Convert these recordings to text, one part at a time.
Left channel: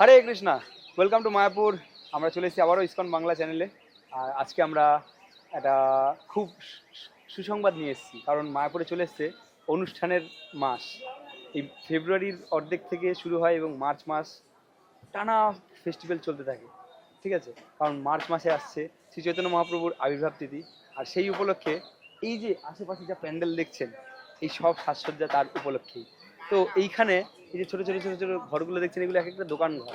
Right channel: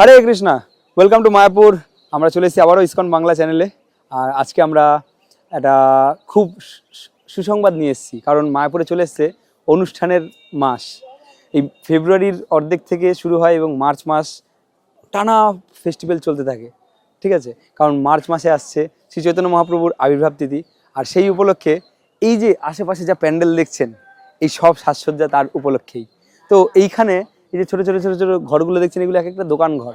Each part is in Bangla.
Hare Krishna welcome to Mayapur আমরা চলে এসেছি আবারও ইসকন বাংলা চ্যানেলে আর আজকে আমরা একটা খুব সুসংবাদ নিয়ে এসেছি, কারণ মায়াপুরে চলে এসছে অনুষ্ঠানের মাস। এই ফেব্রুয়ারির অর্ধেক থেকে শুরু হয় এবং মার্চ মাস টানা ফেস্টিভ্যাল চলতে থাকে, ঠিক আছে? কারণ মার্চ মাসে আসছে শ্রী চৈতন্য মহাপ্রভুর আবির্ভাব তিথি, আর সেই উপলক্ষে এই যে আশেপাশে যা প্যান্ডেল দেখছেন, এই সব সাজসজ্জা তার উপলক্ষেই। তো এইখানে এই যে ছোটো ছোটো ছোটো ছোটো ঘরগুলো দেখছেন এগুলো এক একটা দোকান ঘর।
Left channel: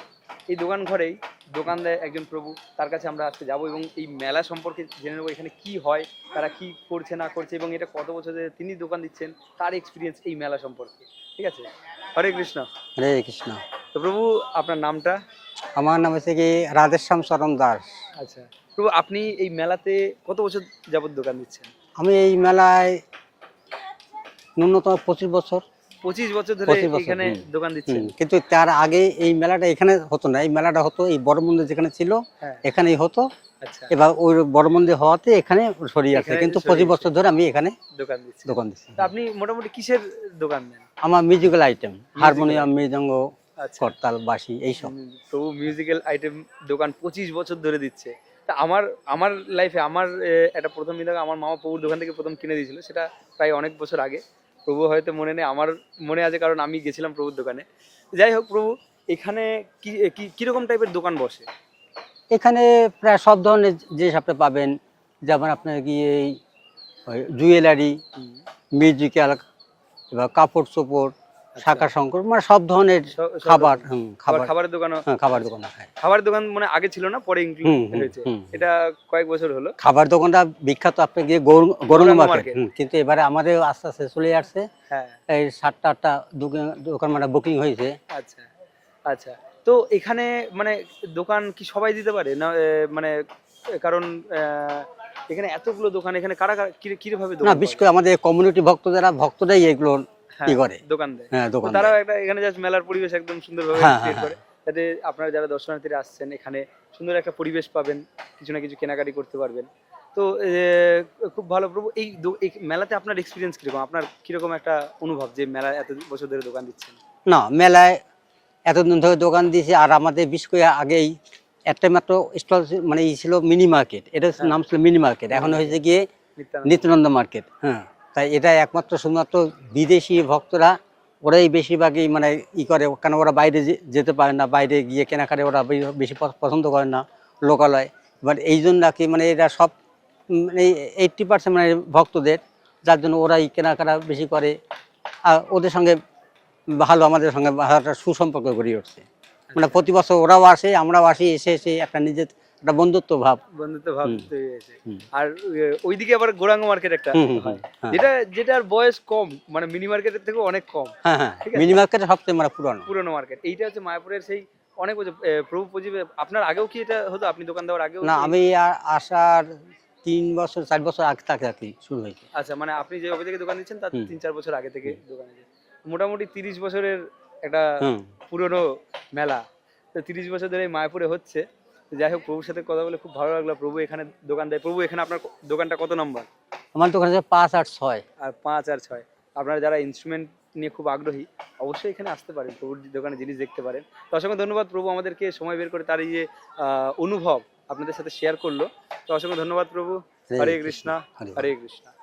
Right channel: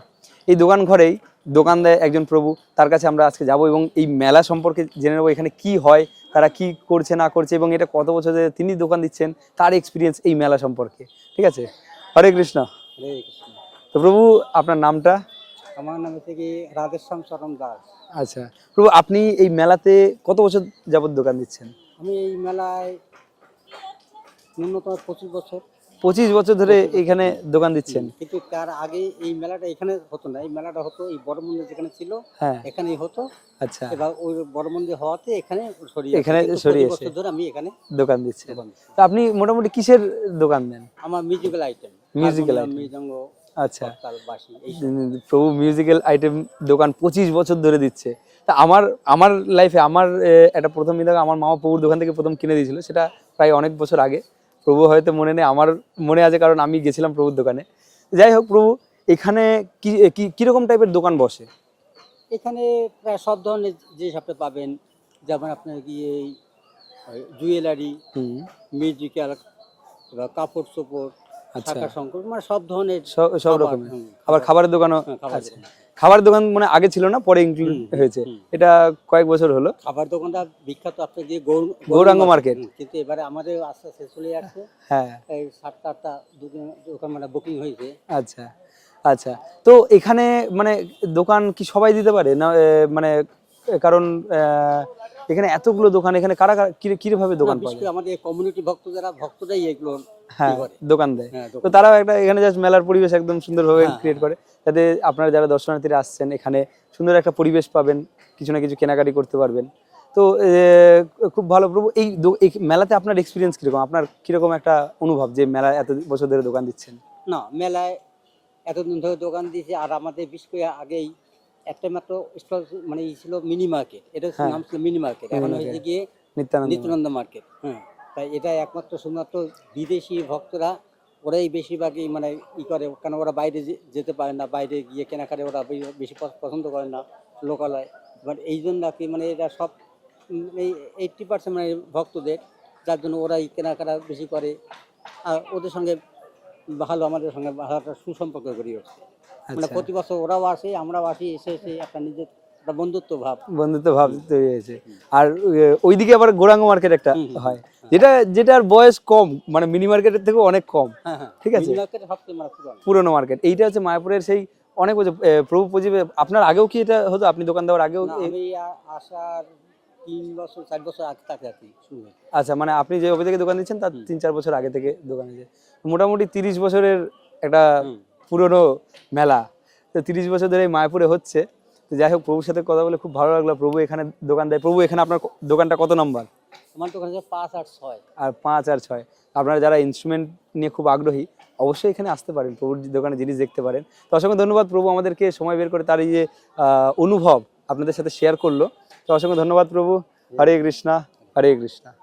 এই দোকান ঘরেই দোকান দেয় একজন প্রভু তার কাছে আমরা আজকে যাব এবং এই মেলা সম্পর্কে জেনে নেব এখানে কি হয় তারা কি করছে না করছে এবং এটা কত বছর ধরে তিনি দোকান দিচ্ছেন তার এক্সপিরিয়েন্স এই মেলা সম্পর্কে। ঠিক আছে? হরে কৃষ্ণ। হরে কৃষ্ণ। তো প্রভু আপনার নামটা? আমার নাম হচ্ছে কি রাধেশ্যাম চরণ দাস। আচ্ছা। প্রভু আপনি এই মেলাতে কত বছর যাবত দোকান দিচ্ছেন? আমি এই মেলায় ন্যূনতম পঁচিশ বছর। পঁচিশ বছর ধরে এখানে দোকান দিচ্ছেন। কিন্তু তার আগে এই মেলাটা এখানে হতো না। এই মেলাটা হতো এই বড় মন্দির যেখানে ছিল হ্যাঁ। এখানেই হতো। আচ্ছা। এবার ওই বড় মন্দির হওয়াতে এখানে সরিয়ে আছে কিন্তু পঁচিশ বছর ধরে আমি এখানে দোকান দিচ্ছেন দোকান দিচ্ছি। তো আপনি মোটামুটি কিসের দোকান দেন? আমার মিউজিক্যাল আইটেম হারমোনিয়াম মৃদঙ্গ আচ্ছা। করতাল বাঁশি এইসব। প্রভু মিউজিক্যাল আইটেম দোকান পঁচিশ বছর ধরে দিচ্ছে। তা আমার আমার লাইফে আমার একটা প্রথম আমার মামা প্রভুর দোকান থেকে প্রথম কিনে দিয়েছিল। সেটা প্রায় অনেক বছর আগে। প্রভু হয়তো মনে নেই আমার মনে আছে কারণ আমি গেছিলাম প্রভুর দোকানে যাই হোক প্রভু এখানে কি কি- কীরকম টাইপের দোকান বসে এখানে প্রায় সব ধরনের জিনিস আপনি পাবেন যেমন আপনার কি এই জুয়েলারি মিউজিক্যাল বা কাপড় চোপড়। শাখা শঙ্কর মানে সব ধরনের খাবার খাবার খাবার। খাবারের হ্যাঁ, খাবার আচ্ছা। দোকান খাবার দোকান মানে আগে ছিল না পরে ইনক্লুড হয়েছে। এটা কয়েক বছর হলো। খাবার দোকানটা বিখ্যাত আপনি গিয়ে গৌরাঙ্গ মার্কেট। কিন্তু এবারে আমাদের আস্তে আস্তে চলে আসছে। হ্যাঁ। এই সাতটা আটটা দোকান দোকান মানে বুকিং হয়েছে। আচ্ছা আচ্ছা। তো এখানে মানে দোকান কি সবাই দিতে পারে? না মানে কারণ এখানে এতগুলো দোকান এখানে কারা কীভাবে দোকান বিশেষ করে আমাদের কমিউনিটি ভক্ত যারা ভক্তরাই এগুলো কি করে। দোকান দেয়। হ্যাঁ তো তারাও একটা এখানে জাস্ট মেলার পরিবেশ একদম সুন্দরভাবে হ্যাঁ, ক্রিয়েট হ্যাঁ, করে। যাতে আপনারা যারা দর্শনার্থীরা আসছেন এখানে সুন্দর একটা পরিবেশ পাবেন কিছু না কিছু কেনাকাটি করতে পারবেন। তো খুব ভালো প্রভু এই মেলাতে আপনার এক্সপিরিয়েন্স কীরকম? আপনার কীরকম একটা অনুভব যে মেলা এত বছর ধরে দোকান দিচ্ছেন? না মেলায় এতদিন ধরে দোকান দিয়েছে আর আমাদের বিশেষ করে আগেই একটা মাত্র স্টল মানে ছিল মিনি মার্কেট এটা হচ্ছে হ্যাঁ। নাম ছিল মিনি মার্কেট এখন হয়েছে গিয়ে নিত্যানন্দ মার্কেট হ্যাঁ। তাই এটা একমাত্র শুধুমাত্র বিদেশি ভক্তরা ওরাই বেশিরভাগই মানে ই করে কেন ওরা বাইরে যে- যেতে পারে না বাইরে গিয়ে কেনাকাটা ওরা বেশি পছন্দ করে না লোকালয়। বাট এই জন্য কি মানে এরা সব মানে এইটটি পার্সেন্ট মানে ভক্তদের যার জন্য ওরাই কেনাকাটা বেশি করে। আর ওদের সঙ্গে ভালো আমাদের সঙ্গে ভালো একটা সুসম্পর্ক গড়ে উঠছে। মানে আচ্ছা। প্রতি বছর ওরাও আসে আমরাও আসি এসে এসে একটা নিজের একটা বন্ধুত্ব ভাব। বন্ধুত্ব ভাব তৈরি হয়েছে। আর ওইদিকে আবার গোরাঙ্গ মার্কেট একটা হয়। হ্যাঁ। যেটা যেটার বয়স কম মানে মিনি মার্কেটের থেকে অনেক কম। হ্যাঁ হ্যাঁ। ঠিক আছে। মিনি মার্কেটে সবচেয়ে মানে পুরনো। পুরনো মার্কেট এইটা হচ্ছে মায়াপুরের সেই অনেক বছর প্রভু পজিবে আপনার আগেও কি এটা হতো? আপনি দোকান দেওয়ার আগেও না আমি আর আসার তিন বছর চার বছর আগে থেকে আর কি শুরু হয়েছে। আচ্ছা মানে আপনি যে অফিস থেকে দোকান দিচ্ছেন তার তিন চার বছর আগে থেকে দোকান আছে মোটামুটি তিরিশ বছরের একটা পুরনো মেলা। তো তিরিশ বছর ধরে এই মায়াপুরে হচ্ছে। যাই হোক প্রভুর সাথে কথা বলে খুব ভালো লাগল। প্রভু এখানে দোকান দেয়। প্রভু এখানে আপনার দোকানটা কত নাম্বার? আমার দোকান আছে পাঁচ আট ছয়। আর পাঁচ আর ছয়। আপনারা যারা ইনস্ট্রুমেন্ট নিয়ে খুব আগ্রহী অবশ্যই এখানে আসতে পারেন। প্রভুর দোকানে জিনিস দেখতে পারেন। তো অসংখ্য ধন্যবাদ প্রভু আমাদেরকে সময় বের করে তার এই যে আহ, অনুভব আপনাদের সাথে শেয়ার করল। তো অসংখ্য ধন্যবাদ প্রভু। হরে কৃষ্ণা। হরে কৃষ্ণা।